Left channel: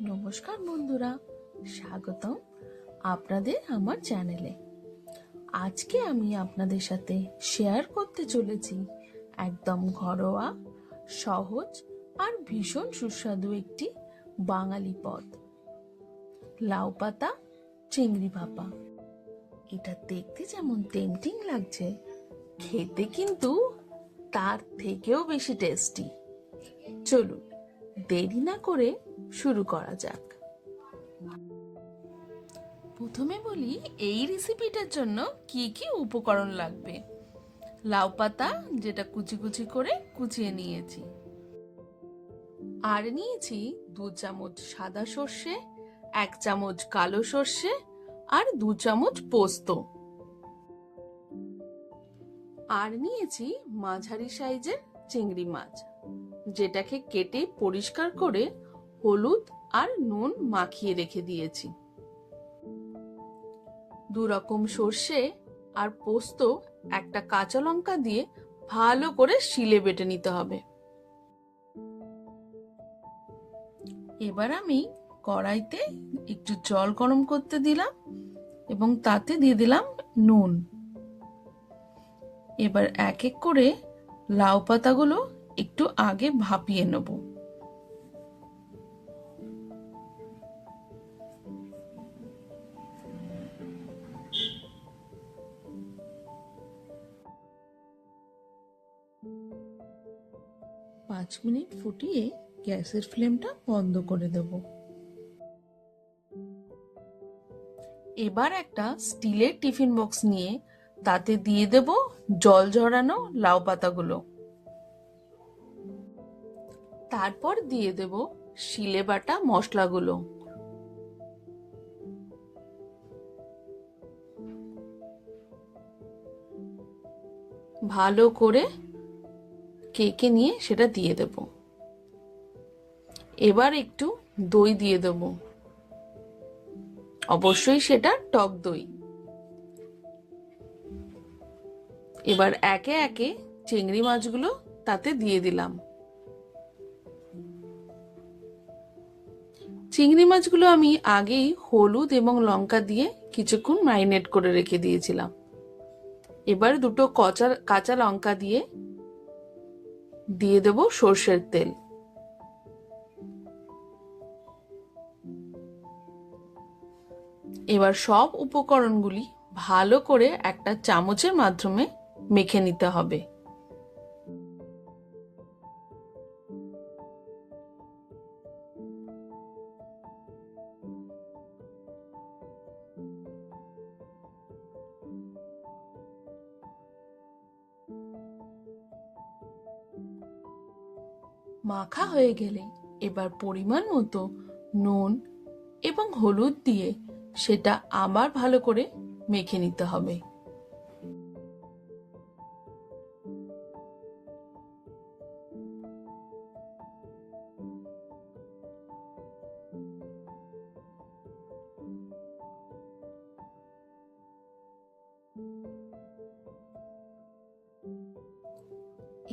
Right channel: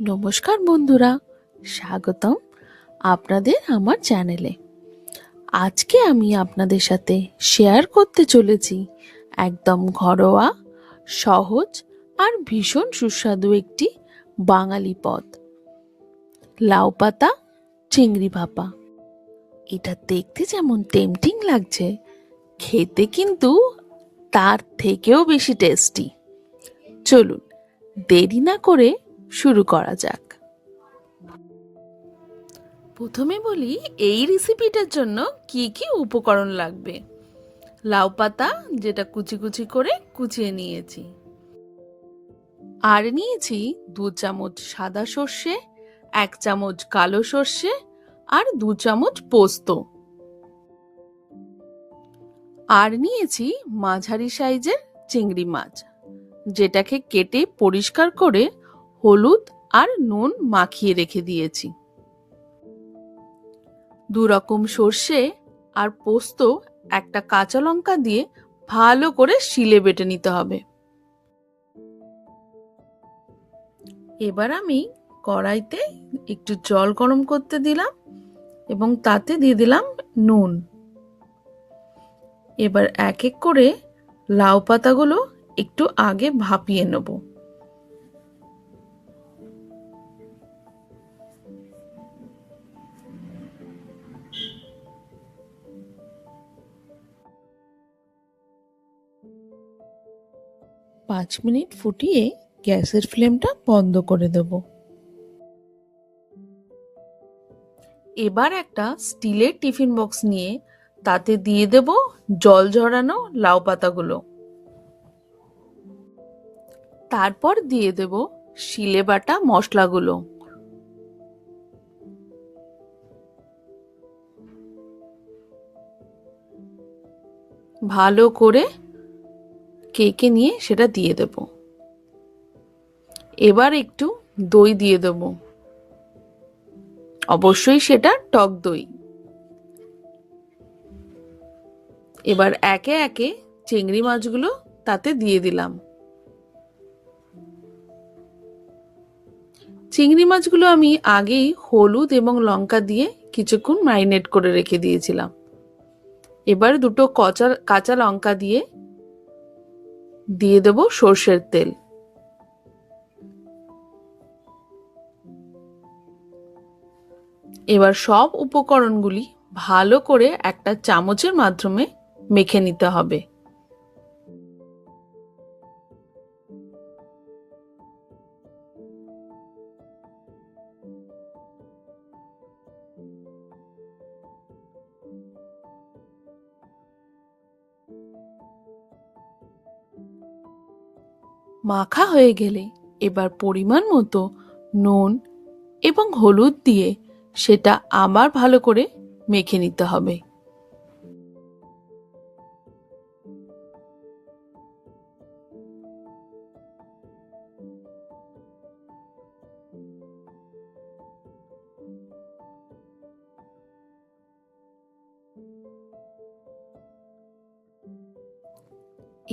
নমস্কার বন্ধুরা, স্বাগতম আপনাদের আমার চ্যানেলে। আজকে আমি আপনাদের সাথে শেয়ার করতে চলেছি একদম ঘরোয়া, সহজ আর ভীষণ সুস্বাদু একটি বাঙালি পদ, লাউ পাতা চিংড়ি ভাপা। এটা দেখতে যেমন টেম্পটিং লাগছে, খেতে কিন্তু তার থেকেও বেশি টেস্টি। চলুন দেরি না করে শুরু করা যাক। প্রথমে বলি এই রেসিপিটার জন্য কি কি উপকরণ লাগবে। লাউ পাতা, যেটা কুচি কুচি করে কুচিয়ে নিয়েছি, আর নিয়েছি 2 চামচ সাদা সর্ষে, 1 চামচ কালো সর্ষে আর 2 চামচ পোস্ত। আর নিয়েছি মাঝারি সাইজের চিংড়ি মাছ, যেটাকে কেটে পরিষ্কার করে হলুদ আর নুন মাখিয়ে রেখে দিয়েছি। 2 রকম সর্ষে আর পোস্ত, একটা কাঁচা লঙ্কা দিয়ে ভালো করে শিলে বেটে নিতে হবে। এবার আমি কড়াইতে একটু জল গরম করতে দিলাম এবং তাতে দিয়ে দিলাম নুন। এবার এক এক করে লাউ পাতাগুলো একটু আগে ভাপিয়ে নেব। পাঁচ মিনিট ফুটিয়ে গ্যাসের ফ্লেমটা বন্ধ করে দেব। এবার একটা স্টিলের টিফিন বক্স নিয়ে তাতে দিয়ে দেব জল ঝরানো লাউ পাতাগুলো। তারপর দিয়ে দেব শিলে বাটা মশলাগুলো। ভালো করে কেকে নিয়ে সেটা দিয়ে দেব। এবার একটু দই দিয়ে দেব, অবশ্যই সেটা টক দই। এবার একে একে চিংড়ি মাছগুলো তাতে দিয়ে দিলাম। চিংড়ি মাছগুলো আমি আগেই হলুদ এবং লঙ্কা দিয়ে কিছুক্ষণ ম্যারিনেট করে রেখে দিয়েছিলাম। এবার 2 কাঁচা লঙ্কা দিয়ে দেব সর্ষের তেল। এবার সব উপকরণগুলি ভালো করে একটা চামচের মাধ্যমে মেখে নিতে হবে। মাখা হয়ে গেলে এবার পরিমাণ মতো নুন এবং হলুদ দিয়ে সেটা আবার ভালো করে মেখে নিতে হবে।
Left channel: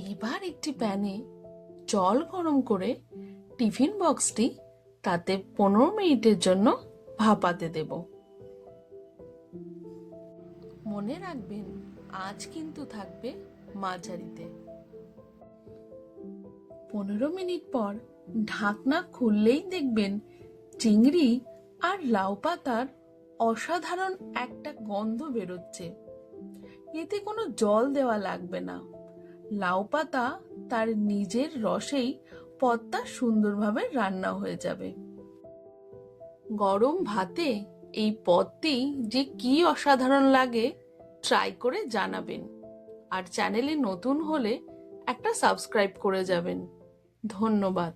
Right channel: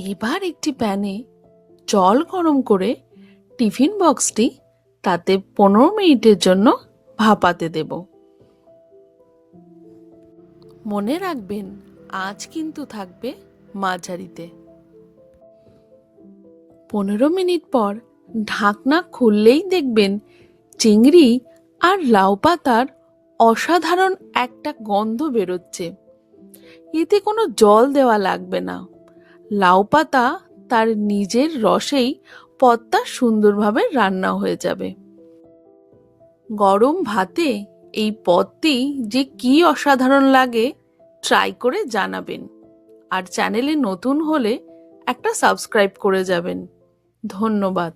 এবার একটি প্যানে জল গরম করে টিফিন বক্সটি তাতে 15 মিনিটের জন্য ভাপাতে দেব। মনে রাখবেন, আঁচ কিন্তু থাকবে মাঝারিতে। 15 মিনিট পর ঢাকনা খুললেই দেখবেন চিংড়ি আর লাউ পাতার অসাধারণ একটা গন্ধ বেরোচ্ছে। এতে কোনো জল দেওয়া লাগবে না। লাউ পাতা তার নিজের রসেই পদটা সুন্দরভাবে রান্না হয়ে যাবে। গরম ভাতে এই পদটি যে কি অসাধারণ লাগে ট্রাই করে জানাবেন। আর চ্যানেলে নতুন হলে একটা সাবস্ক্রাইব করে যাবেন। ধন্যবাদ।